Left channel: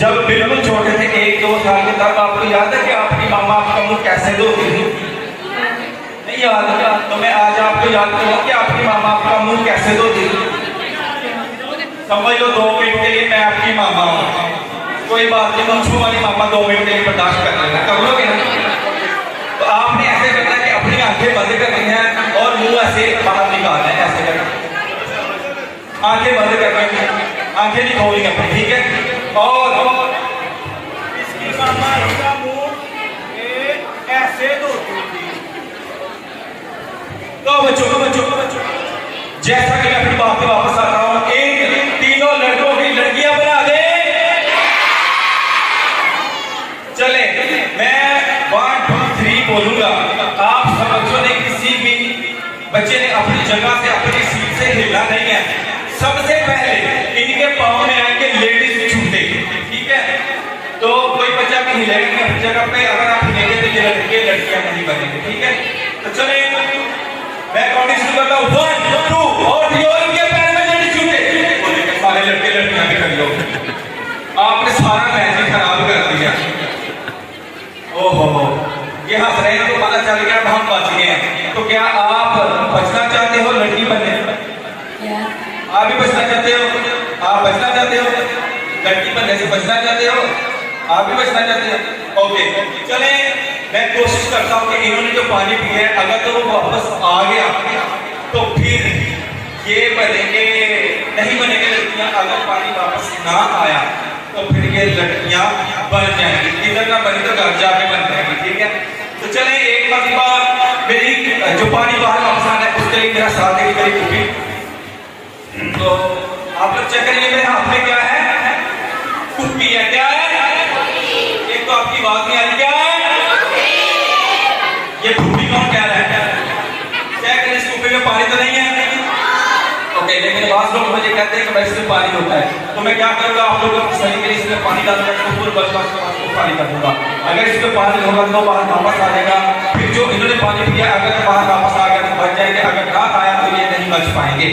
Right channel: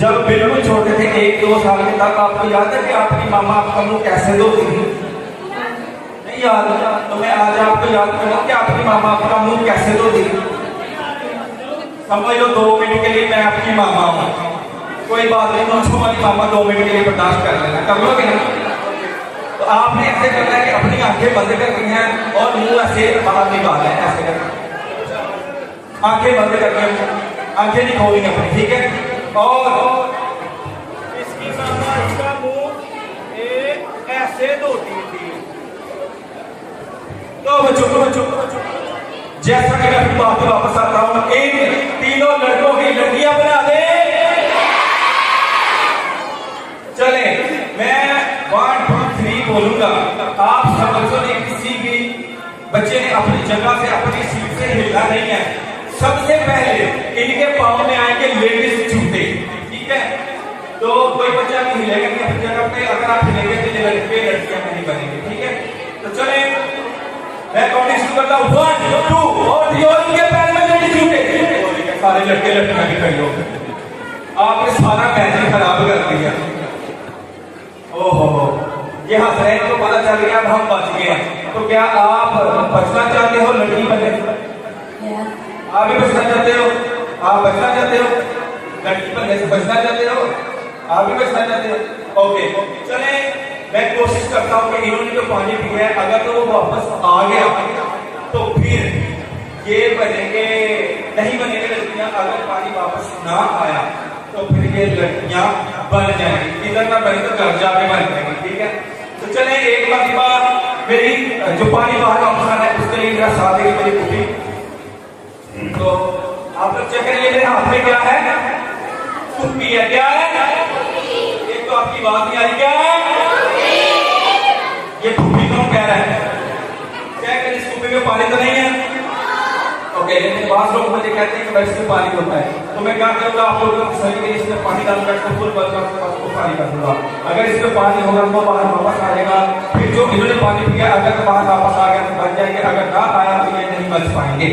जब बिल्कुल छोटे थे 1-2 साल के, तब आपको याद है कि आपकी मामा आपका मुंह कैसे धोती थी? नहीं याद? तो मैं आज आपको याद करूंगा कि आपकी मामा आपका मुंह कैसे धोती थी। समझ लो 2 मिनट के लिए मैं आपकी मामा हूँ, कोई बात नहीं, मुझको वाली मामा 2 मिनट के लिए बर्दाश्त कर लेना, कर लोगे ना? तो आपने ऐसे करना है कि अपनी आंखें बंद करनी है और मुंह ऐसे बाहर निकालना है, ऐसे करके आंखें बंद करनी है, आंखें नहीं खोलनी अपनी, ठीक है? और इसकी मामा इसका मुंह ऐसे धोती थी। तो बच्चों जैसा कि मैं अपनी बात पे वापस आता हूं, इन तीनों लड़कों की लड़कियां बना दे। चले, मैं 1 2 3 बोलूंगा, आप सब बच्चों ने, किसी भी बच्चे ने अपनी जगह से, अपनी सीट से हिलना नहीं है। सबसे पहले इनके पाँव में आएंगे लेडीज जूते, ठीक है? तो कोई बच्चा भी हिलेगा अपनी जगह पे, अगर आप हिलेंगे तो ये लड़के लड़कियां नहीं बनेंगे, ठीक है? तो चले, मैं काउंटिंग शुरू करता हूँ, 1 2 और इनके पैर में लेडीज जूते, सारे लड़के लड़कियां भी कर लो। आपने सारा मैच खराब कर दिया। ओहो, ये हंस रहे हैं तो पता चल गया हम बच गए हैं। तो क्या आप बचना चाहते हो लड़की बनने? आप भी बचना चाहते हो? आप बचना चाहते हो? लड़की बनने से बचना चाहते हो? आप भी बचना चाहते हो? ओके, चले, मैं कोशिश करता हूँ कि इन्होंने जो पानी पिया है, अगर तो वो वापस आ गया तो फिर ये बनेंगे, नहीं बनेंगे लड़कियां। अगर पानी वापस ना आया तो फिर ये लड़कियां बन जाएंगी, इधर ना बनी तो घर जाके बन जाएंगी, ठीक है? तो चले, एक बार मेरी जो पानी बाहर वापस आना है उसके लिए मेरा साथ देगी मेरी कुकी। तो आप लोग चेक करिए, मेरे हाथ में क्या है? कुप्पी है। क्या है? एक तो आपकी बात नहीं आ रही, क्या है? ये कुप्पी कौन कह रहा है? चेक करिए, इस कुप्पी में पानी तो नहीं है। ओके, लेकिन बहुत लोग मुझे कहते हैं कि इसमें पानी होता है, तो मैं क्या करूंगा, आप लोगों को सही के लिए इसमें पानी डालकर पानी कर दूंगा। अगर इसमें पानी होगा तो पानी वापस आ जाएगा, फिर जो इन्होंने पानी पिया अगर पानी वापस आ गया तो बच जाएंगे, अगर ना आया तो ये नहीं बच पाएंगे।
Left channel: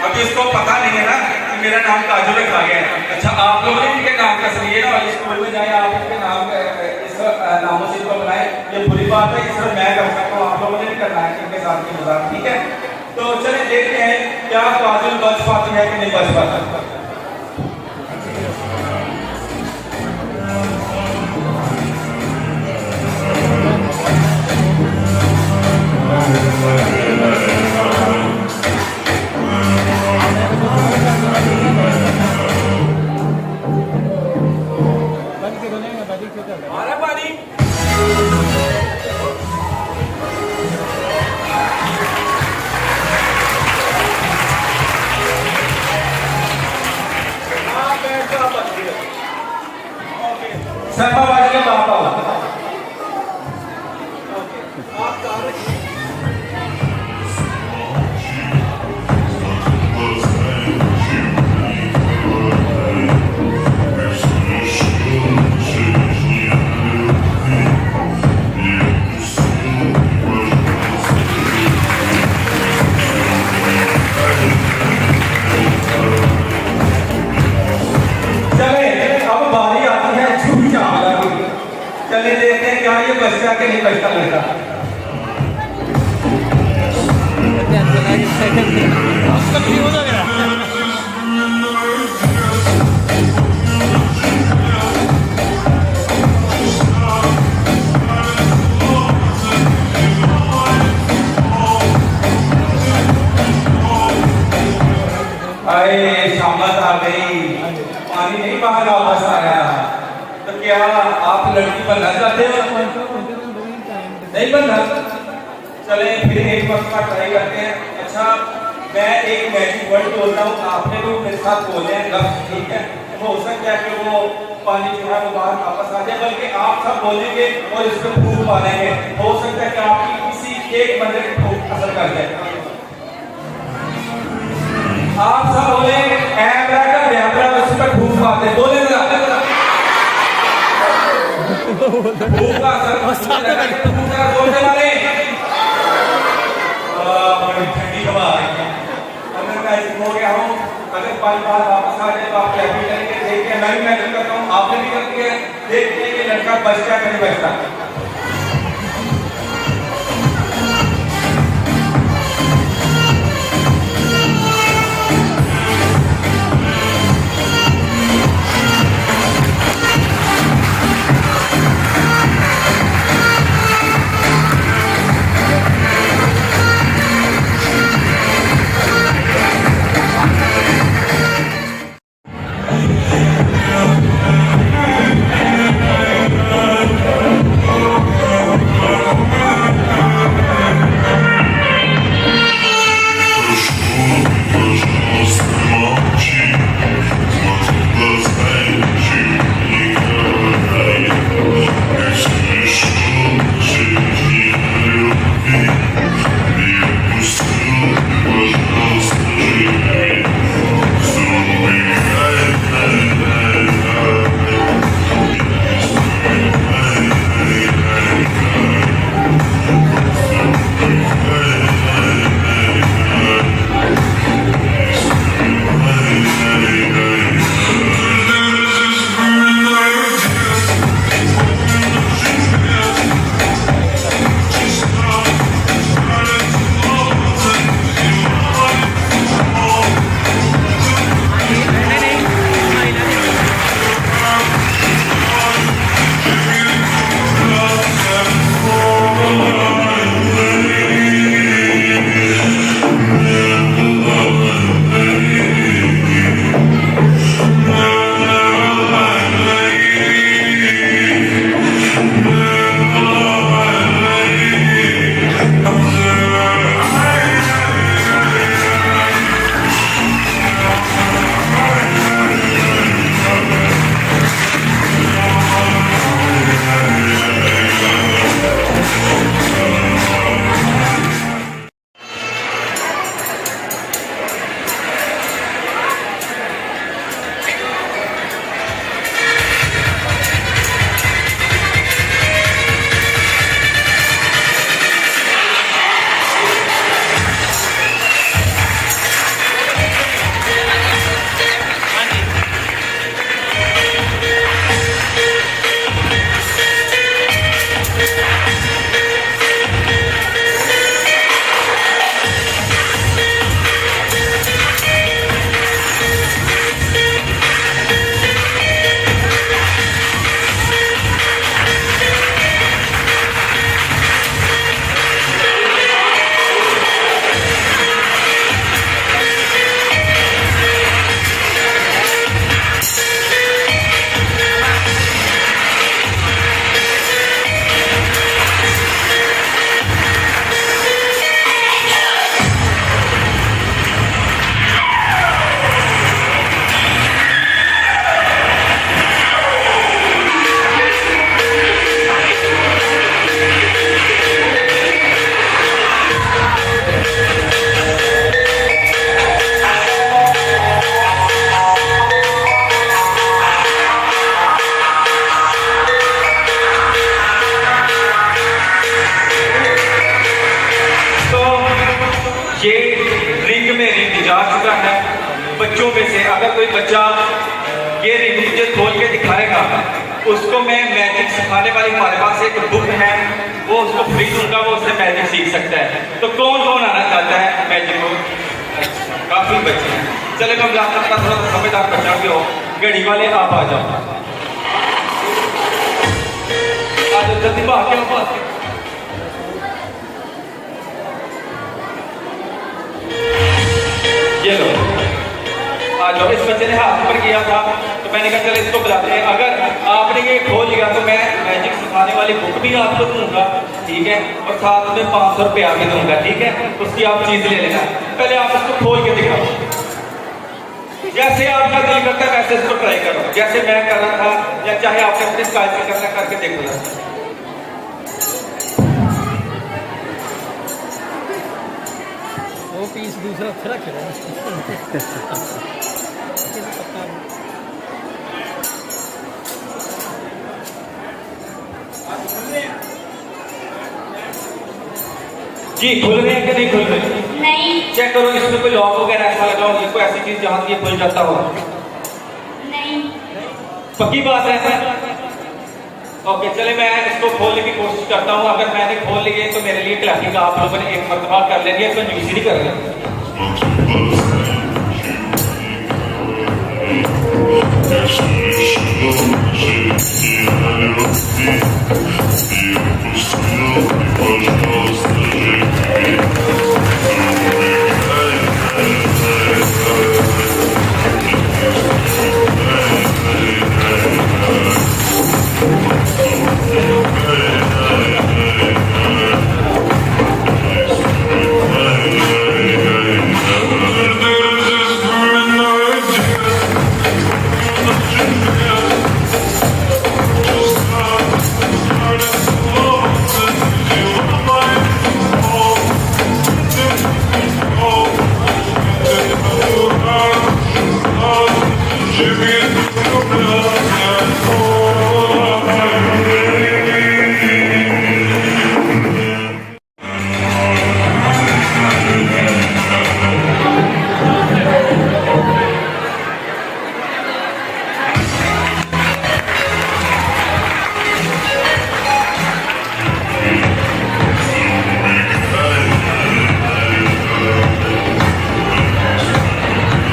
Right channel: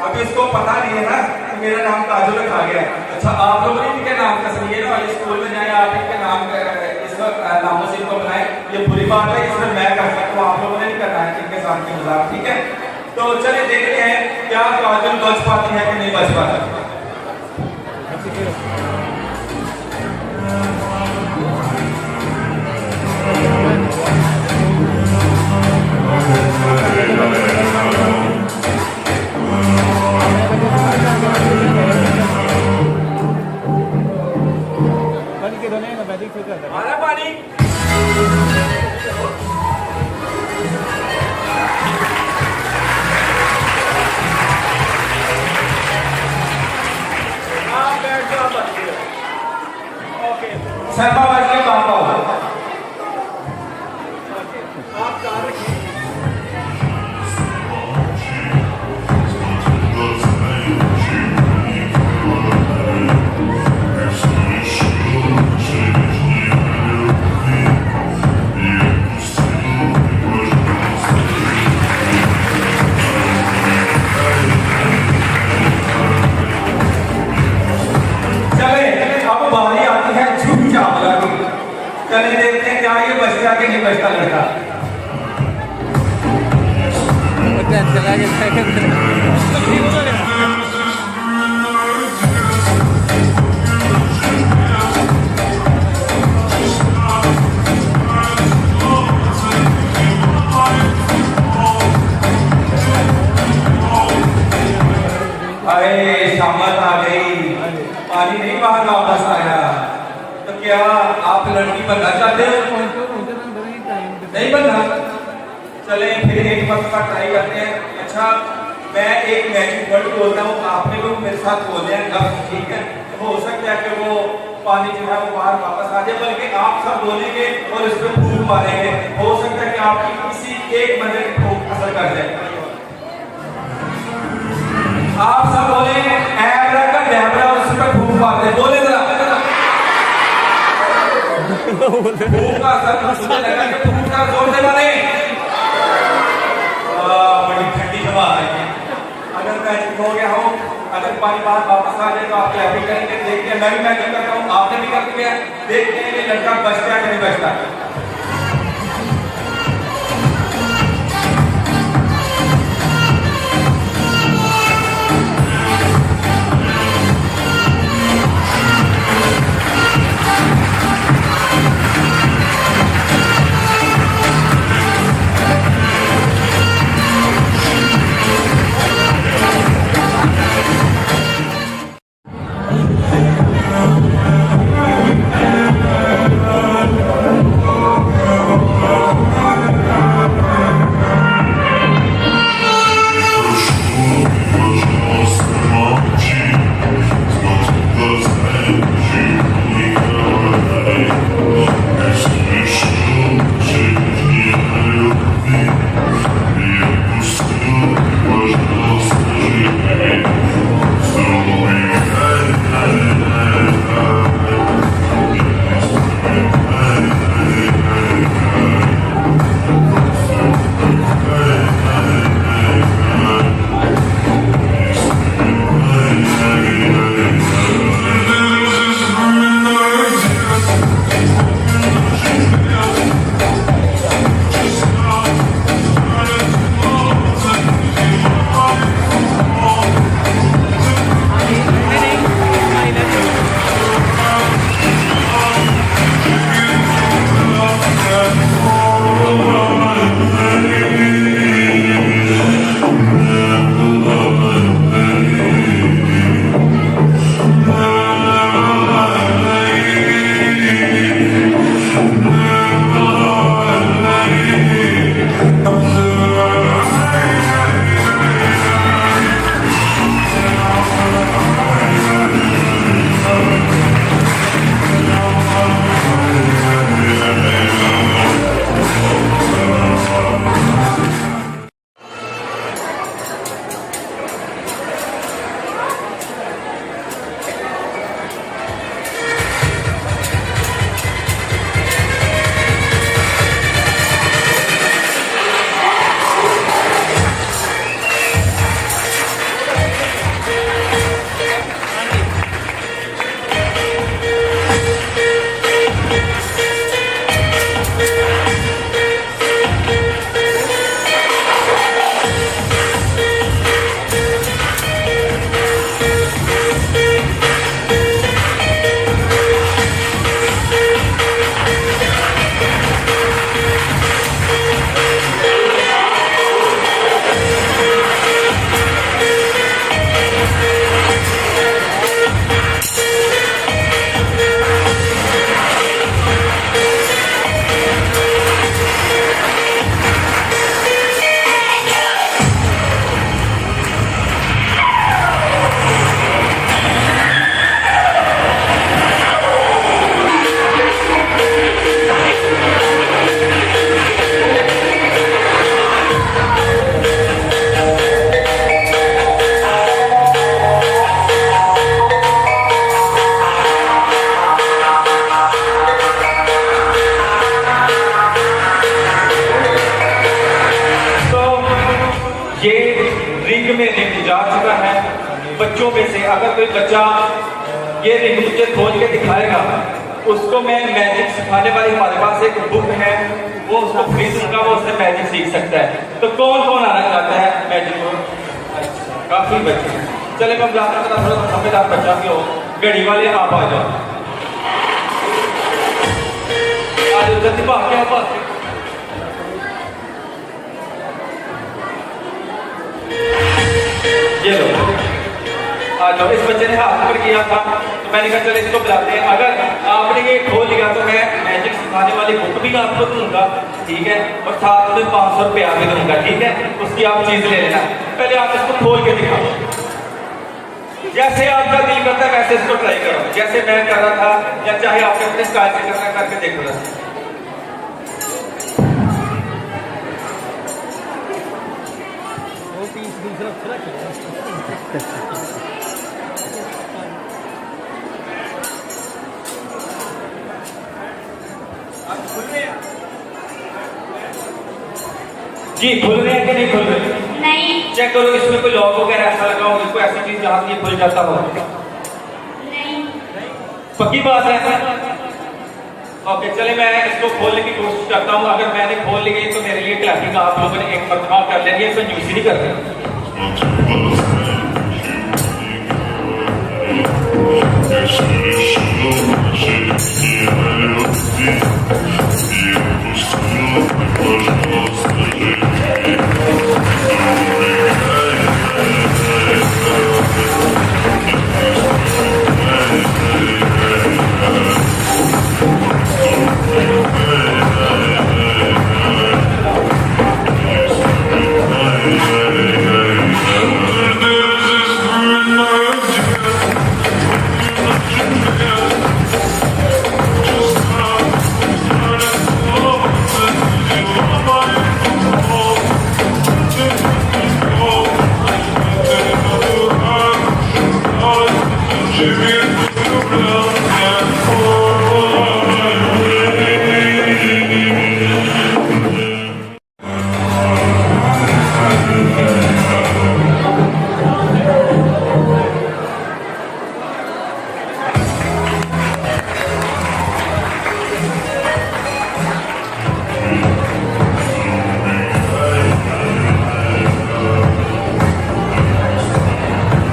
अभी इसको पता नहीं है ना कि मेरा नाम काजल रखा गया। अच्छा, आप लोग इनके नाम का सुनिए ना, स्कूल में जाए आप इनके नाम नामों से इनको बनाए, ये बुरी बात है, इसमें मैं करता हूँ, आप लोगों ने नहीं करना है इनके साथ के मजाक, ठीक है? तो चलिए देखते हैं क्या काजल बच पाती है कि नहीं बच पाती। आप कहाँ रखिए? अरे शामत आ गई, पानी नहीं बाहर वापस आया। तो क्या आप लड़की बनना चाहते हो? नहीं बनना? चले फिर एक वक्त का ट्राई करते हैं। अच्छा, मैं एक मैजिक वर्ड बोलता हूँ, आपने भी मेरे साथ बोले हैं लफ्ज, ठीक है? हो सकता है कि वो पानी जो है वो बाहर वापस आ जाए, बल्कि आप सब बोलेंगे और इस पर फूक मारेंगे। हो सकता है कि आपकी किसी एक बंदे की फूक असर कर जाए। आप सब बोले कैमरा उस पर फूक मारते, बोले जरा फूक का असर मुझे लगा कि फूक का जोर से मारे। बड़ी ठंडी हवा आ रही है। अगर मैं हो गया हूँ, अगर पानी बाहर वापस आ जाए तो आप क्या भी करेंगे? देखते हैं, मैं भी मैजिक करता हूँ, आपने भी कर दिया। देखते हैं कि लड़का बचता है कि नहीं बचता। बच्चों में से अगर कोई बच्चा ये मुझे खोल के दिखाएगा, उसको मैं मैजिक सिखाने वाली हमारे पास एक बुक है, वो उसको फ्री दूंगा, वो उससे मैजिक सीख सकता है। तो कौन कौन आना चाहता है मैजिक को? काफी बच्चे हैं। चले मैं जाता था, थोड़ा समझदार बच्चा भी हो, गड़ी वाले आप आ जाओ, आज जल्दी बात क्या बात। ये लो आ जाओ। इस बच्चे ने हाथ पर किया था तो मैंने कहा चल इसको बुलाते हैं। अगर आपने ये खोल लिया तो मैं मैजिक सिखाने वाली बुक भी आपको दूंगा, ठीक है, और साथ में 500 रुपये आपने दूंगा, ठीक है। उसकी आप चीजें ले लेना, पहले आप इसको खोल के दिखाओ। जैसे आपका दिल करता है वैसे इसको ट्राई करो, जैसे मैं कर रहा था, या चाहे आपने अपने स्टाइल से करना करके देख लो। पीस दूसरा फर्क है। जी खुल रहे हैं कि नहीं खुल रहे? नहीं चेक करो इसमें कोई लॉक वगैरह ऐसा लगा हो, इसको ऐसी चीज जहां ये खुल जाता हो। नहीं पक्की बात है? ओके चले मैं इसको खोलने की कोशिश करता हूँ। अगर मैंने खोल ली तो मेरे लिए क्लैपिंग आप लोगों ने एक मरतबा कर लेंगे, तो न्यूज नहीं कर लेंगे।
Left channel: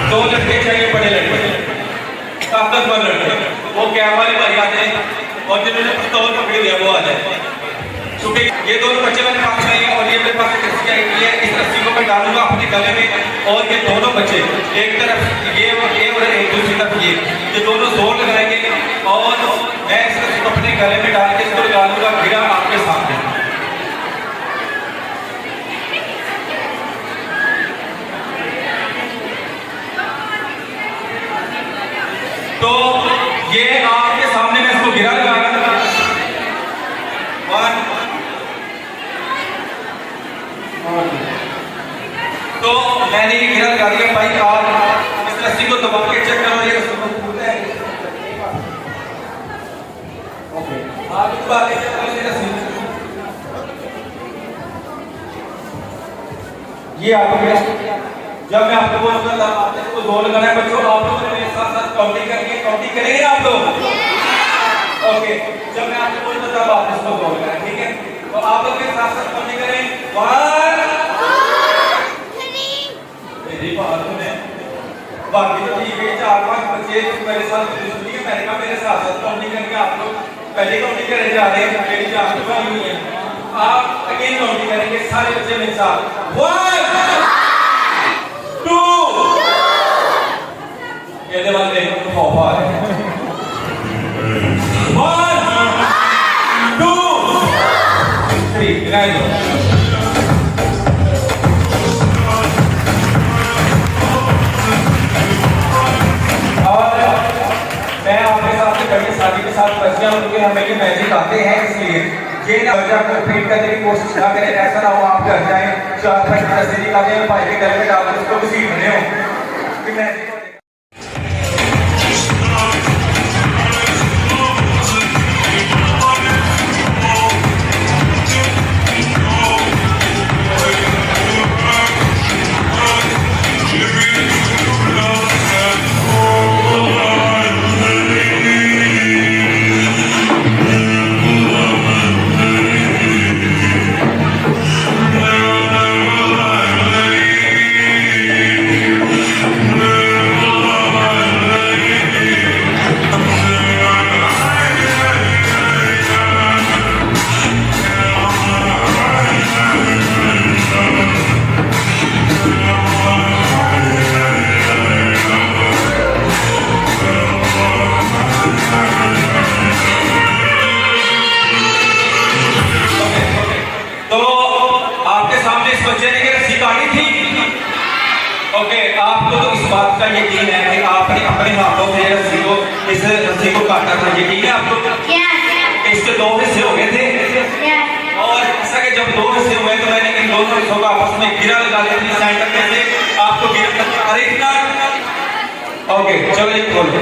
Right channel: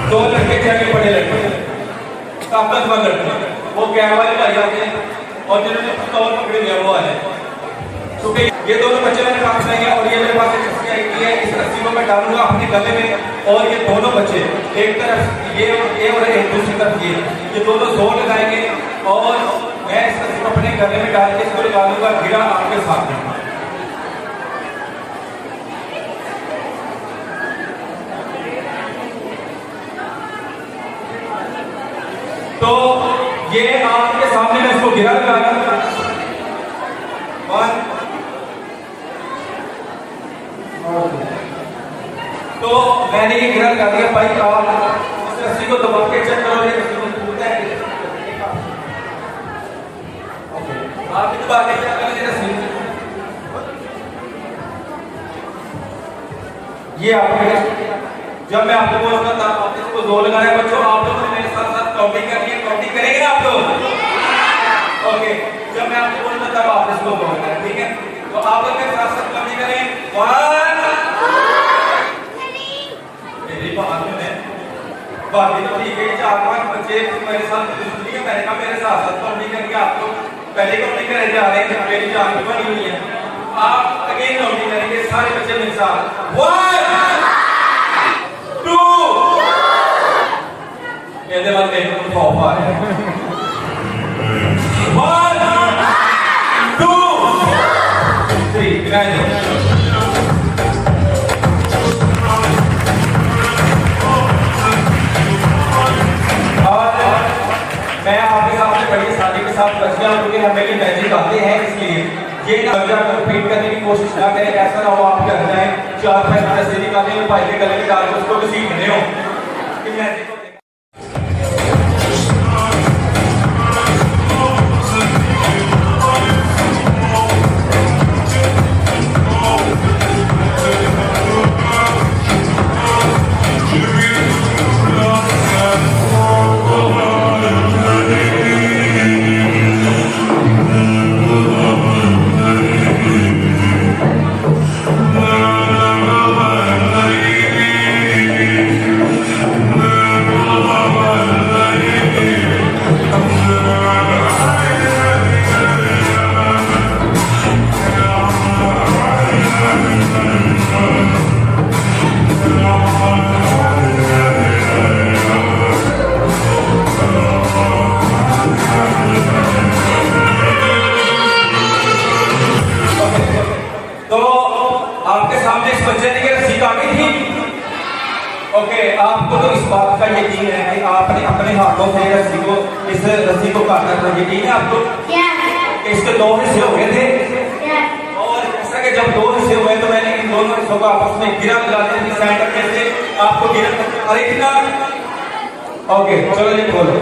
दो लड़के चाहिए, बड़े लड़के, ताकतवर लड़के, वो कैब वाले भाई आते हैं और जिन्होंने पिस्तौल पकड़ दिया वो आ जाए। क्योंकि ये दोनों बच्चे मेरे पास नहीं है और ये मेरे पास एक रस्सी आई हुई है, इस रस्सी को मैं डालूंगा अपने गले में और ये दोनों बच्चे एक तरफ ये और एक दूसरी तरफ ये दोनों जोर लगाएंगे और मैं इस रस्सी को अपने गले में डाल के इसको डालूंगा गिरा आपके सामने। तो ये आपके सामने मैं इसको गिरा लगाऊंगा। तो मैंने ये गिरा लगा दिया भाई। आप इस रस्सी को दबा के चेक करो, ये रस्सी है। आप इस बात चेक करो ये रस्सी, ये आपके जब मैं आपको बोलूंगा आपको दो लगाना है बच्चों, आप लोग मेरे साथ साथ काउंटिंग करके काउंटिंग करेंगे आप लोग। ओके जब मैं आपको बोलूंगा तब आप इसको बोल करें, ठीक है। तो आप लोग मेरे साथ साथ काउंटिंग करें। 1 मेरी बात है बाकी तो ठीक है। 4-5 बच्चे मेरे साथ सुनिए, मैंने कहा मेरे साथ साथ काउंटिंग करके आप लोग पहले काउंटिंग करे जा रहे हैं, मेरी जान बनी हुई है। आप अगेन काउंटिंग करेंगे सारे बच्चे मेरे साथ। 1 2 ये वाले खौफ आ रहे हैं। 1 2 3 और मैं आपके साथ करिए शादी के साथ बच्चियां क्योंकि हमें ये मैजिक आते हैं, इसलिए ये ना बच्चा रिपीट करने की कोशिश ना करें। ऐसा ना हो आप घर जाए 4-5 दिन का दे भाई के गले में डाल के उसको किसी घने हो कि मैजिक आपका यकीन है कि आपने अपने हाथों से रस्सी को इस रस्सी को काटा था? यकीन है आपको कि इसके दो हिस्से हो गए थे? और ऐसा कि जब दो हिस्से हुए तो मैंने इन दोनों हिस्सों को आपस में गिरा लगा दी थी सेंटर में से आपको गिरा अरे इतना ओके चलो एक बोलो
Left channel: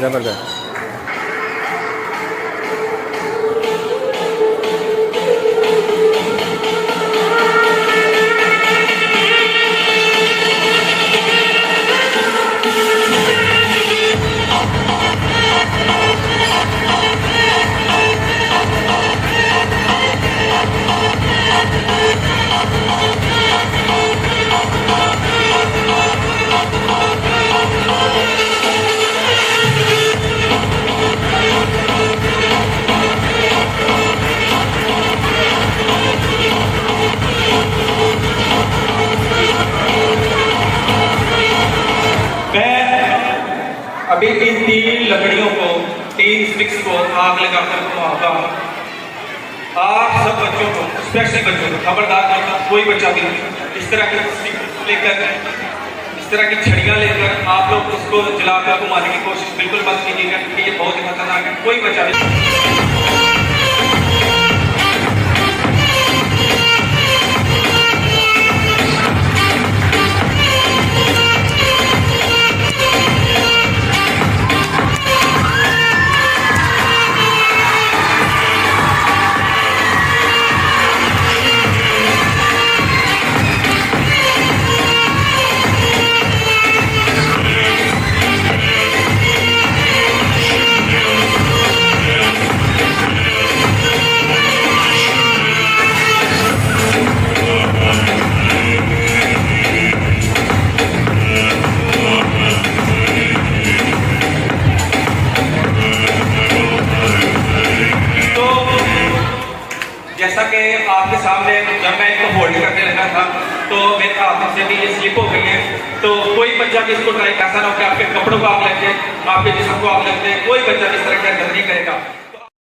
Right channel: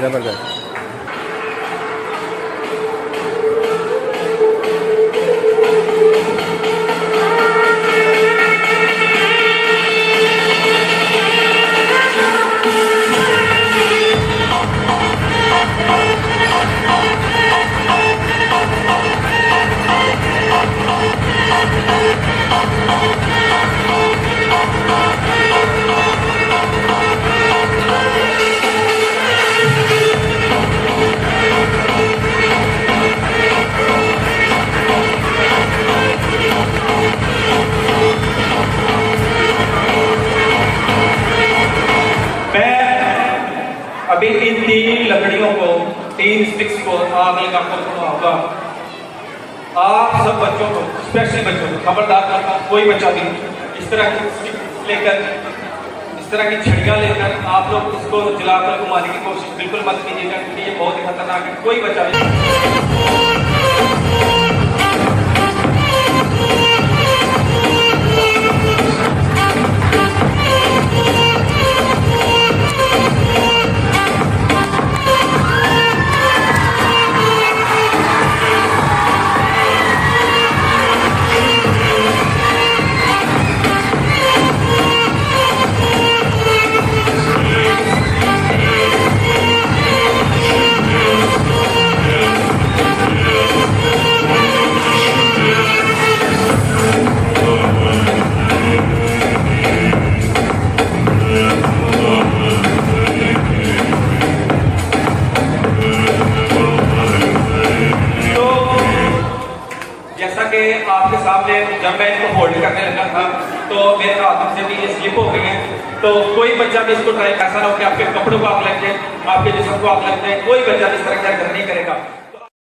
जबरदस्त। अभी इन तीन लकड़ियों को, तीन स्टिक्स को आग लगाकर घुमाऊंगा। आप सब बच्चों को, स्पेशली बच्चों को खबरदार नहीं, कोई बच्चा भी इस तरह की स्टिक लेकर, इस तरह की छड़ियाँ लेकर आप लोग उसको जलाकर घुमाने की कोशिश बिल्कुल मत कीजिएगा, क्योंकि ये बहुत ही खतरनाक है। कोई बच्चा नहीं। कि आपके सामने जब मैं इनको होल्ड करने लगा था तो मेरे हाथ से भी ये स्लिप हो गई है। तो कोई बच्चा भी इसको ट्राई, ऐसा ना हो कि आपके कपड़ों को आग लग जाए, आपके जिस्म को आग लग जाए, कोई बच्चा इस तरह का गलती नहीं करेगा।